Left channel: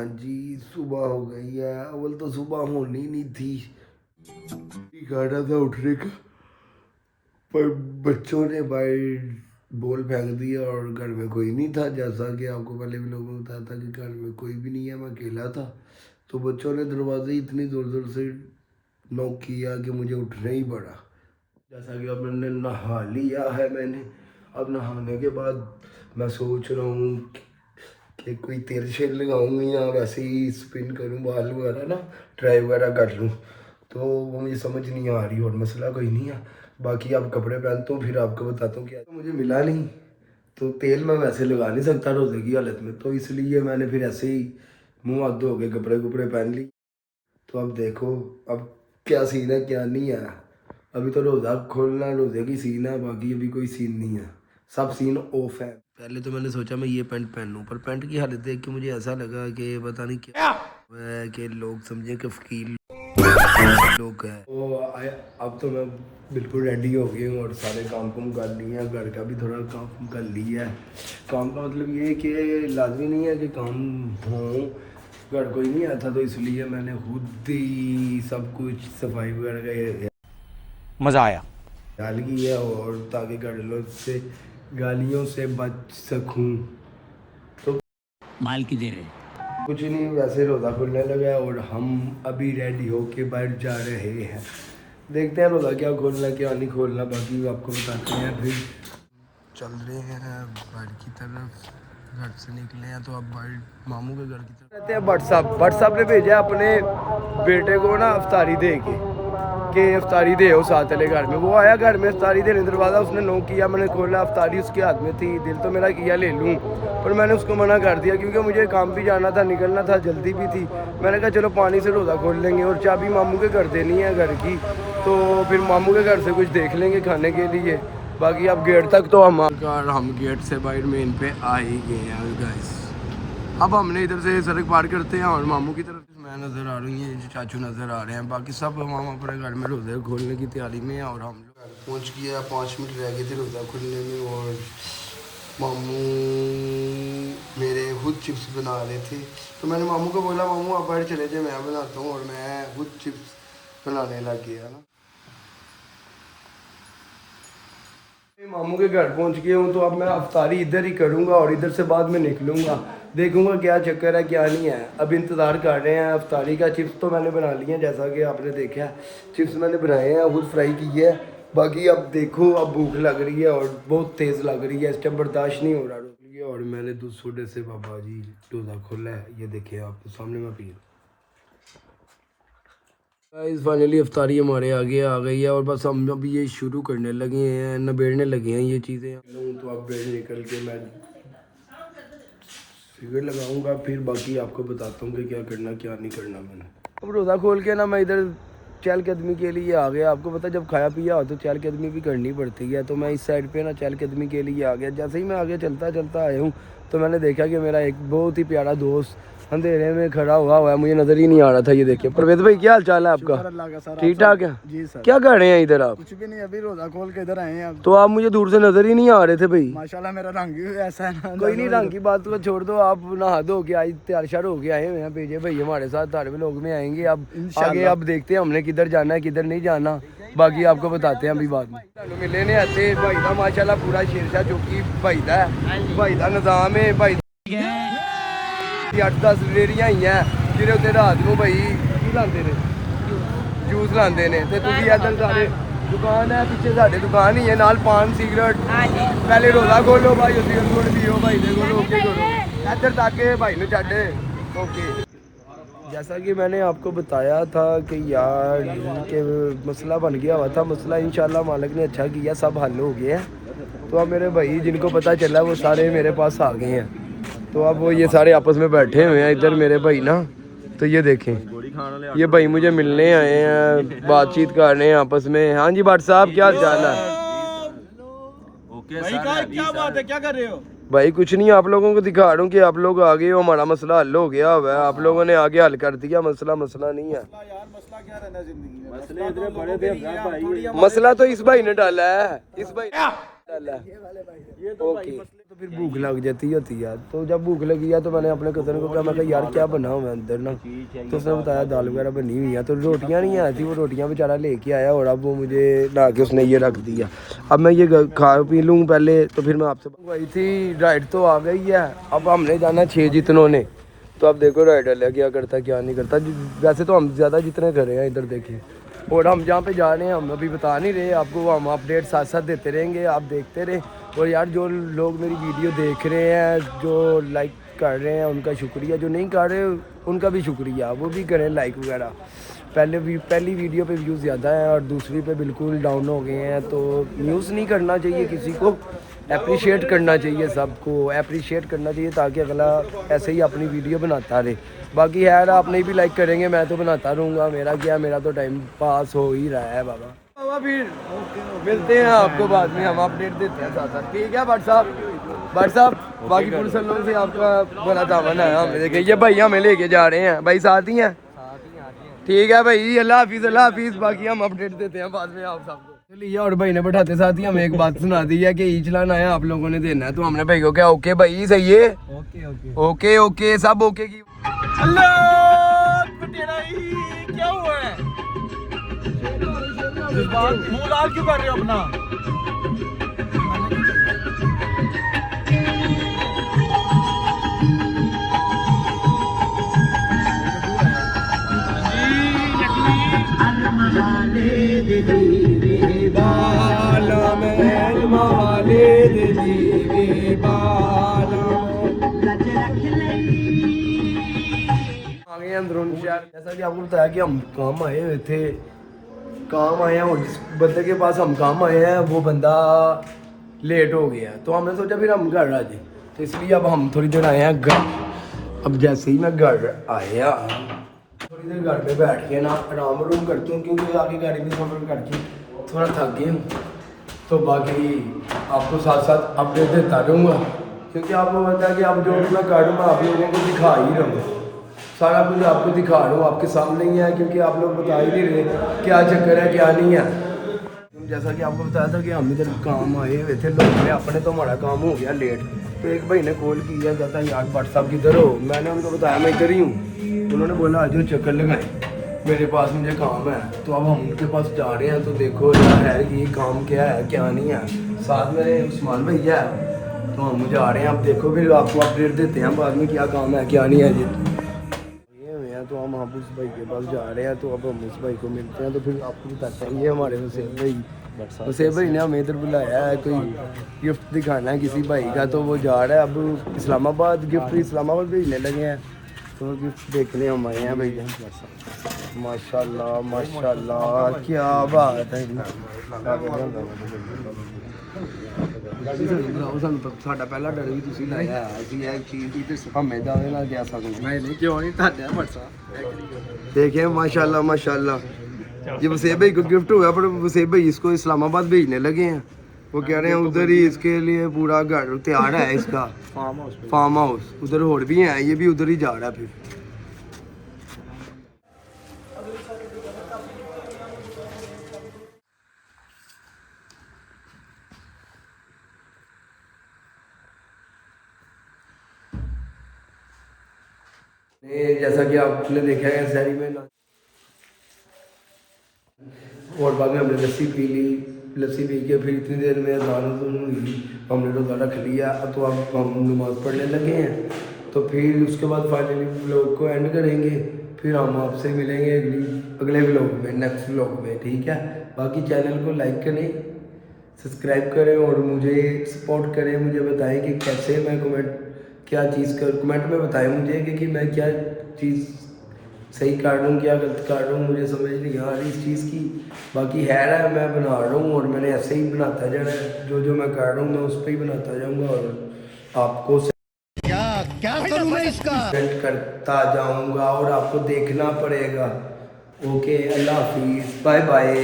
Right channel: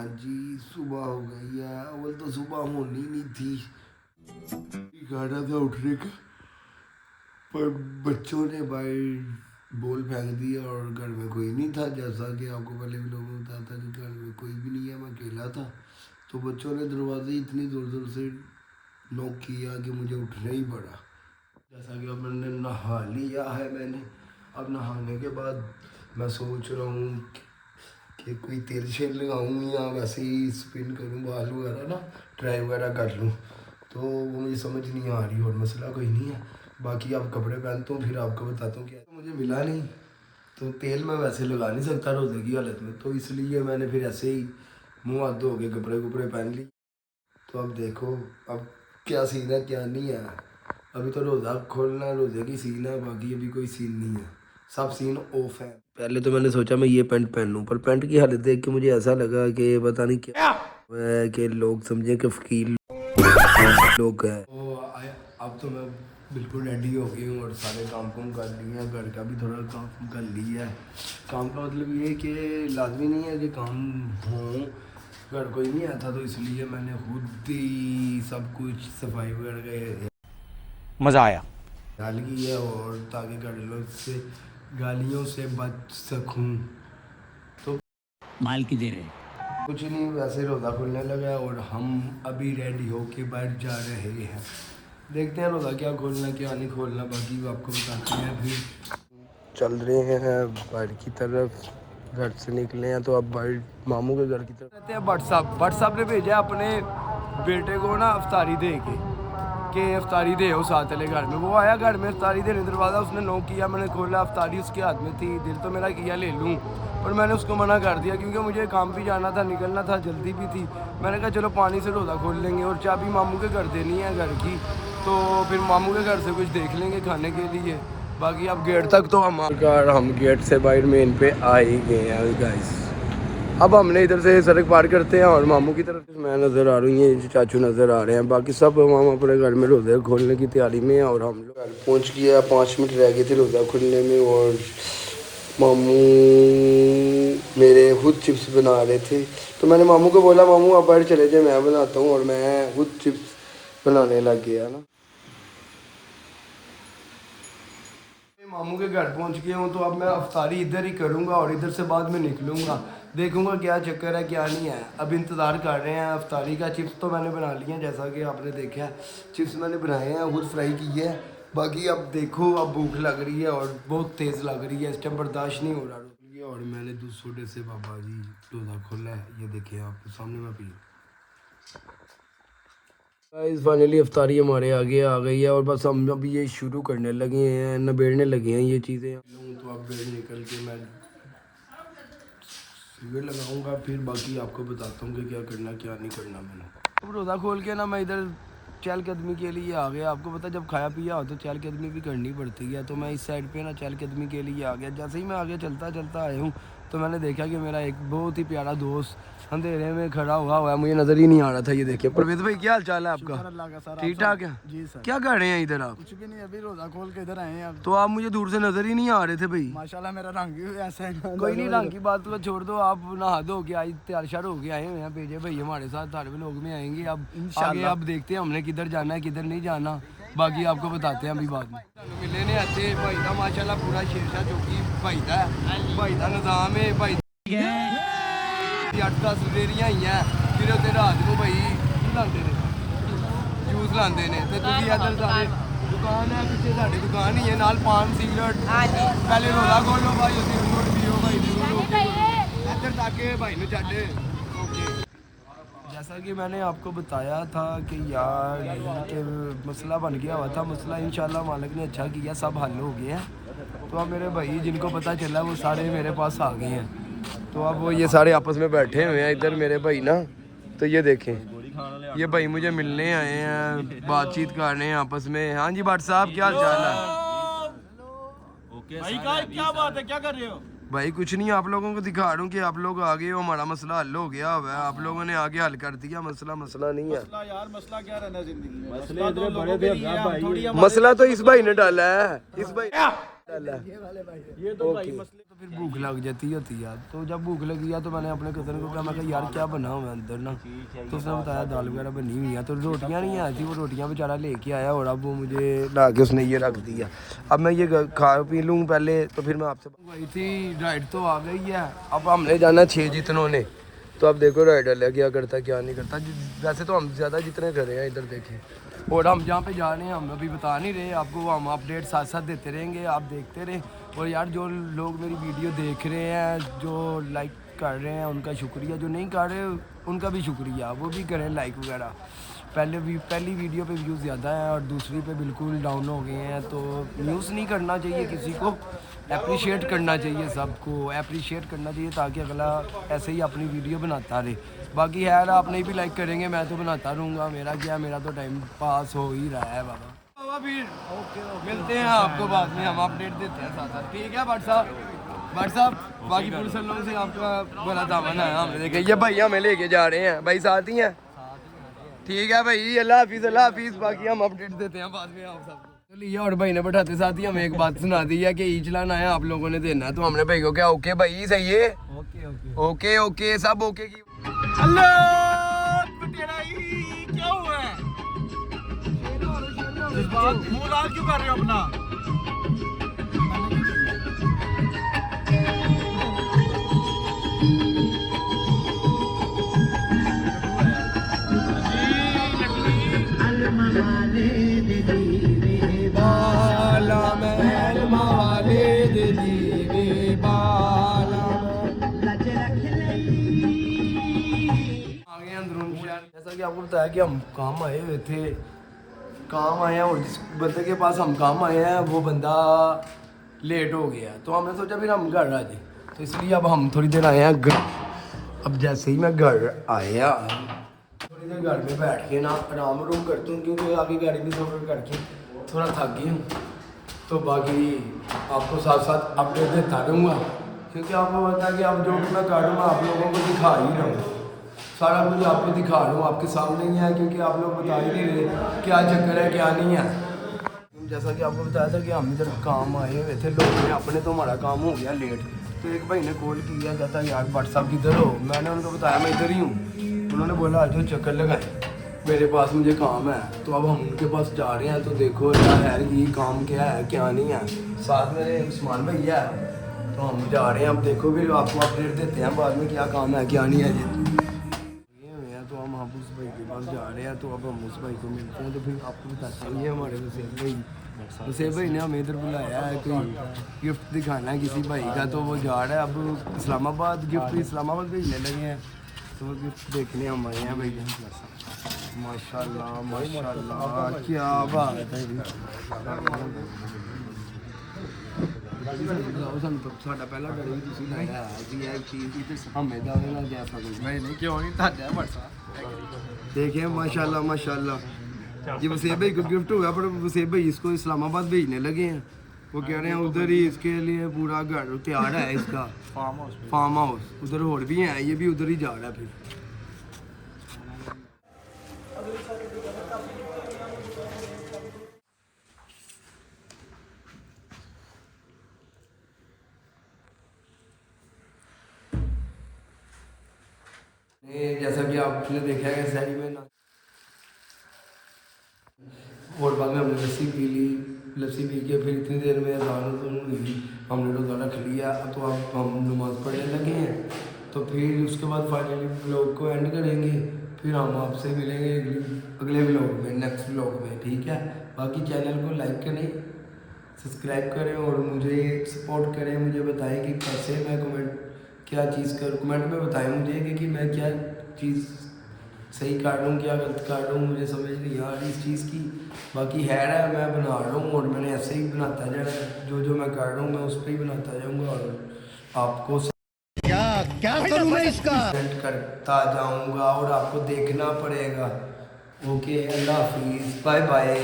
हाँ जी, सुबह हो गई है। अव्वल तो सुबह होनी नहीं थी, गाना था उठने का, पर बच्चों ने बाहर बॉल फेंक दिया और घर में कोई नहीं था। जैसा कि आपको पहले भी लोगों को बताया था कि घर में कोई भी नहीं है, मैं अकेला था। तो बच्चों ने दरवाजे इतनी ज़ोर ज़ोर से नॉक किया कि मुझे उठना ही पड़ा। जैसा कि अब मैंने नहा लिया है, अब नहाने के बाद मैं सोच रहा हूँ कि कोई तेल शेल लगाऊँ या वैसे ही स्पिन करूँ, बाल वगैरह ना ट्राई वगैरह कर लूँ। तो वो मुझे समझ नहीं आ रही और मसला कोई नहीं है। बाकी आप कपड़े पहनता हूँ, फिर आपको बताता हूँ क्या। तो मुझे मिला नहीं, तो तेल मैं वैसे लगा नहीं सकता रोज़े की हालत में, तो इसलिए मैंने फिर ऐसे ही मुँह हाथ धो के कपड़े कुपड़े पहन ली। तो अब देखो अब क्या सीन है क्या नहीं है। अभी तो रोज़ा खोलना है, रोज़े की सीन है, बाकी अभी कोई सीन नहीं है, सब सीन ऑफ है। पहले तो मैंने सोचा मैं ये पैंट पहन लूँ, पर पैंट की हालत देख के मुझे ऐसा लगा कि पता नहीं क्या कि लोग समझे कि फकीर लोग हैं। तो अब तो मैं बिल्कुल रेडी हो गई हूँ और सारे काम कर लिए हैं, घर का भी थोड़ा काम कर लिया है। काम का मतलब ये कि लाजमी नहीं है कि काम हो, घर कोई नहीं आता, तो इसलिए मैंने खुद ही सब कुछ सफाई वगैरह का मज़ा आया डाल की है, और ताकि गालियों से बच सकूं। तो माल की दे रहे कुछ नहीं, वैसे रोज़ा खुलने लगा और हम अभी रेडी होके बैठ जा रहे हैं। देखते हैं रोज़ा क्या खोलना क्या नहीं खोलना, बाकी आपको बताते हैं। फिर चल रहे हैं बाहर की तरफ, घर से निकले हैं तो अब बाहर मामू के घर की तरफ रहते हैं। व्हाट्सअप ने भेजा अपने बेटे को ना अफ्तारी दे के अफ्तारी दे हो साथ चले घर में। वो आया घर में अफ्तारी देने, दरवाज़ा उसने नॉक किया, मैंने खोला, अफ्तारी उसके हाथ में थी। दिल तो मेरा किया ले लूँ, पर मैंने उसको मना कर दिया क्योंकि मुझे काम भी जाना था, निकलना था, जल्दी भी थी। मैंने कहा चलो पानी से रोज़ा खोल लेंगे, और चाबी मामू के घर देनी है घर की, तो फिर मामू के घर से कुछ देख लेंगे खाने के लिए। बाकी अब गेट तक तो हम गेट से बाहर मेन पे आ ही गए हैं गाइस। अब हमने इधर से सड़क पार करते हैं और मामू की तरफ मैं नज़र आ रही है, चाचू नज़र आ रहे हैं। बाकी सब हम अपने घर में रोज़े खोलने की तैयारी में हैं और हम लोग घर पहुँच गया। 5 मिनट रह गए थे रोज़ा खोलने में, और मामू मेरे खुद चिप्स बना रहे थे। तो मैंने मामू को बोला मामू आप बाहर चले जाए, मैं बनाता हूँ, और मैं खुद चिप्स बनाने लग गया ना। मामू के घर पहुंच गया हूँ, तो अब मैं अफ्तारी इधर ही करूँगा और इधर से बाद में निकलूँगा, देखूँगा क्या चक्कर है क्या नहीं है। अब इंतज़ार कर रहे हैं अफ्तारी का। चिप्स तो मैंने बना लिए हैं, जैसा कि आपने देखा, चिप्स मैंने बनाए हैं, खुद फ्राई की है। बाकी अब देखो, अब भूख लग रही है और बहुत तेज़ लग रही है, इस टाइम बर्दाश्त नहीं हो रहा। और मैंने दूध सोडे से बाबा जी रोज़ा खोला है, ये देखिए आपके सामने मैं पी। गाइस फाइनली अफ्तारी हमारे आगे आ गई है और बस हम अभी ये शुरू करने लगे हैं, नबेड़ने लगे हैं ये चीज़ें। तो अब बेड़ निकल के मैं सिगरेट लगाऊंगा, फिर बाकी आपको बताता हूँ कि क्या करना क्या नहीं करना। मैंने अब रोज़ा खोल के ना मैं इधर चहलकदमी के लिए आ गया। आपको पता जब खाया पिया हो तो चहलकदमी भी करनी पड़ती है, तो मैं इस साइड पे ना चहलकदमी के लिए आ गया। जैसे ही मैं आगे चलता चलता आया हूँ तो मैंने देखा कि मेरा एक बहुत ही प्यारा दोस्त अंधेरे में खड़ा हुआ है, मुझे नज़र ही नहीं आ रहा था। ये देखिए परवेज भाई, क्या हाल चाल है आपका? ठीक ठाक है जी सर। क्या कर रहे हैं इधर आप? कुछ भी नहीं, अभी रोजा खोल के इधर आए हैं। तो आप मुझे दूर से नज़र ही नहीं आ रहे थे भाई। माशाल्लाह मेरा रंग ही ऐसा है। कोई नहीं, रंग की बात तो छोड़ दो, आप नहा धो के आई तैयार श्यार होके आए हुए हैं। भेजे भाई हमारे साथ धार्मिक लोग में आएंगे। अब आगे अब देखते हैं हमने किधर जाना है किधर नहीं जाना, बाकी आपको बताते हैं अभी बाद में। मिले ने आते भाई का माशाल्लाह पूरा शेरशाह चौकी भाई का है, भाई का निजाम है। भाई 8-10 रेहड़ियां ही हैं ਜਿਹਦੇ ਉੱਤੇ ਰਾਤ ਨੂੰ ਭਾਈ ਕੀ ਲਾਉਂਦੇ ਨੇ, ਜੂਸ ਲਾਉਂਦੇ ਨੇ। ਤੇ ਤੁਸੀਂ ਇੱਧਰ ਸਾਰੇ दुकान है पीछे साढ़े दुकान ही है, नाल पान सिगरेट। पहले रोज़ा खोलो भाई, उसी पियो भाई देखो ओके करो इधर ताकि भाई ने छे ओके। जैसा कि मैंने आपको बताया था कि यार के मसला बन गया हुआ था, मसला इंशाल्लाह मालिक ने अच्छा किया, सब हल हो गया है। तो अब मेरे भाई जिनको पता चला वो सारे मेरे पास आ गए हैं, तो अब वो ये सारे आपस में बैठे हुए हैं इधर मेरे भाई ना। तो ये देखें, ये भाई मुझे मिलने आए हैं, बातचीत कर रहे हैं आपस में। हाँ जी भट्ट साहब क्या चाल है? भाई क्या बात है, क्या कर रहे हो? भाई कुछ नहीं, आप लोगों को दिखा रहा हूँ कि आप लोग आ गए हो, हमारा मसला हल हो गया हुआ है, आप लोगों ने आगे हल कर दिया। मसला नहीं है यार, मसला क्या रहना जिंदगी में, मसले इतने बड़े थे भाई। मसला तो इस भाई ने डाला है, इस भाई ये तो भाई मसले तो फिर भूख लग जाती होती है, तो जब भूख लगी है तो मैंने अपने कज़न को कहा, मैं कहा यार क्या बना हुआ है अंदर ना, तो उसने बताया दाल वगैरह बनी हुई है, तो रोटियां नहीं आई थी, वो रोटियां बेचारा लेके आया और अब वो मुझे ला के उसने ये रख दिया। अब मैं ये खा पी लूँ पहले, तो फिर मैं आपसे मंगवाई थी। राइड तो आ गई है, अब हमने जाना 6 जितनों ने, तो अब देखो राइडर है क्या करता क्या नहीं करता। वैसे तो हम ज़्यादा जितने कर रहे हैं इधर देखें, और हम जहाँ पे जा रहे हैं हम अभी बता नहीं रहे आपको, हम अपडेट साथ साथ देते रहेंगे, आप देखते रहे। और यार जो लोग मेरी वीडियो देख रहे हैं, जो लाइक कर रहे हैं उनका शुक्रिया, जो नहीं कर रहे उनका भी शुक्रिया, वो भी करें लाइक वगैरह। पहली वीडियो पे व्यूज़ ज़्यादा है और दूसरी पे बिल्कुल डाउन हो गए हैं, तो न्यूज़ नहीं करना चाहिए किसी को, अप्रिशिएट करना चाहिए, सबको अप्रिशिएट करना चाहिए ताकि अगला ऐसे ही अपनी वीडियो बनाता रहे। बाकी यार आप नहीं भी लाइक करेंगे मैं तो बनाता रहूँगा, मेरा क्या, मेरा तो टाइम पास हो ही रहा है बाबा। फिर मिलते हैं आपको बाद में, हम अपडेट देते हैं साथ साथ, ठीक है भट्ट साहब। बाकी पुलिस वालों से आपका बड़ा दामन है, हम देखें ये भाई हमें लेके जा रहे हैं, भाई साथ ही हैं, ठीक है भाई, अल्लाह हाफिज़। बाकी हम अपडेट देते हैं बाद में आप सबको। चलिए, और भाई ने बैठाते साथ ही हमें एक बात सुना दी है कि ई चलान आया आप लोगों ने देना है, तो हमने भाई को क्या ओके भाई सही है, ओके सब ओके की। क्या हुआ है? मुंह लाल क्यों कर रहे हो अपना? अंदरून शहर, जैसा कि आपको बताया कि हम काम आए हुए थे, काम आए हैं और जिस बंदे के पास हम काम आए हैं वो बंदा लेट हो गया, तो हमने सोचा फिर हम घर आ जाए, तो इसलिए अब हम थोड़ी देर आए हैं घर। अब जैसे ही मैं घर आया, थोड़ी देर घर में बैठ के ना आराम करती हूँ, क्योंकि आपकी गाड़ी में सफर करके थोड़ा थक गई हूँ, तो बाकी आपको साथ साथ अपडेट देता रहूँगा, क्योंकि आपको पता है कि अब जो भी मैं कर रहा हूँ आप लोगों को दिखा ही रहूँगा, सारा कुछ आपको दिखा रहा हूँ, आपके सामने ही है, क्योंकि आप लोग बता ही नहीं रहे क्या चक्कर है क्या नहीं है। जैसा कि आपको बताया था कि हम इधर काम आए हुए थे लोग में अपने, तो हमारा काम हो गया लेट, तो एक भाई ने कॉल किया, कहता यार भट्ट साहब किधर हो, मैंने उनको बताया मैं इधर ही हूँ, उन्होंने बोला आज चक्कर लगाए मेरे पास, मुझे काम है, तो अब हम उनके पास जा रहे हैं, तो देखो यार है कि काम क्या है क्या नहीं है, साथ मेरे उस्मान भैया है, तो हम जा रहे हैं, अब देखो फिर आपको अपडेट देते हैं बाद में क्या काम है क्या नहीं है जी। तो हम उस भाई के पास जा रहे हैं, तो अब हम उस भाई को मिलते हैं, तो फिर आपको बताते हैं ये हमारे हुसैन भाई ने हमें इधर बुलाया है, कोई गिफ्ट दिखाना है किसी भाई का, तो वो जा रहा है अब इस्लामाबाद, गिफ्ट इस्लामाबाद भेजने लगे हैं, तो वो गिफ्ट देखने हम आए हैं भैया। माशाल्लाह क्या बात है। साਡਾ ਪਹਿਲਾ ਡਰ ਵੀ ਤੁਸੀਂ ਲਾਇਆ ਅਸੀਂ ਇਹ ਚੀਜ਼ ਦੀ, ਤੇ ਹਮੇ ਦਾਵੇ ਨਾਲ ਜਾ ਸਕਦੇ ਨਹੀਂ ਕਿਉਂ ਨਹੀਂ ਤੁਹਾਡਾ ਮਰਸਾ देखिए माशाल्लाह ये वसेब भाई को गिफ्ट हुआ, पर वसेब भाई इसको इस्लामाबाद भेजने लगे हैं, वो कह रहे हैं उधर ही इसके लिए पूरा घर तैयार है, इसका फार्म हाउस उधर और भी है, ये भी उधर ही जा रहा है। फिर जैसा कि आपने देखा है शहरी में, और बाद में हमने लस्सी पी ली, लस्सी पी के फिर इतनी देर में अज़ान हुई, हमने रोज़ा रख लिया, तो अब हम नमाज़ पढ़ने लगे हैं, तो फिर उसके बाद फाइनली व्लॉग को एंड करेंगे, फिर हम आपसे मिलेंगे अगले व्लॉग में, नेक्स्ट व्लॉग में, ठीक है। बाकी चैनल को लाइक करें, सब्सक्राइब करें और मुझे सपोर्ट करें, मुझे बताएं कि कैसे मैं कमेंट में बताएं मुझे कि मैं क्या चीज़ सही कर रहा हूँ क्या गलत कर रहा हूँ, मुझे समझ नहीं आ रही इस चीज़ की। बाकी है मैं बना रहा हूँ और मैंने ऐसे ही बनाता जाना, जो मैं कर रहा हूँ मैं उस पर ही बनाता जाऊँगा और आपको क्या करूँ मैं इसका करता जाऊँगा और आपको देखना पड़ेगा। ओके, अल्लाह हाफिज़, बाय बाय।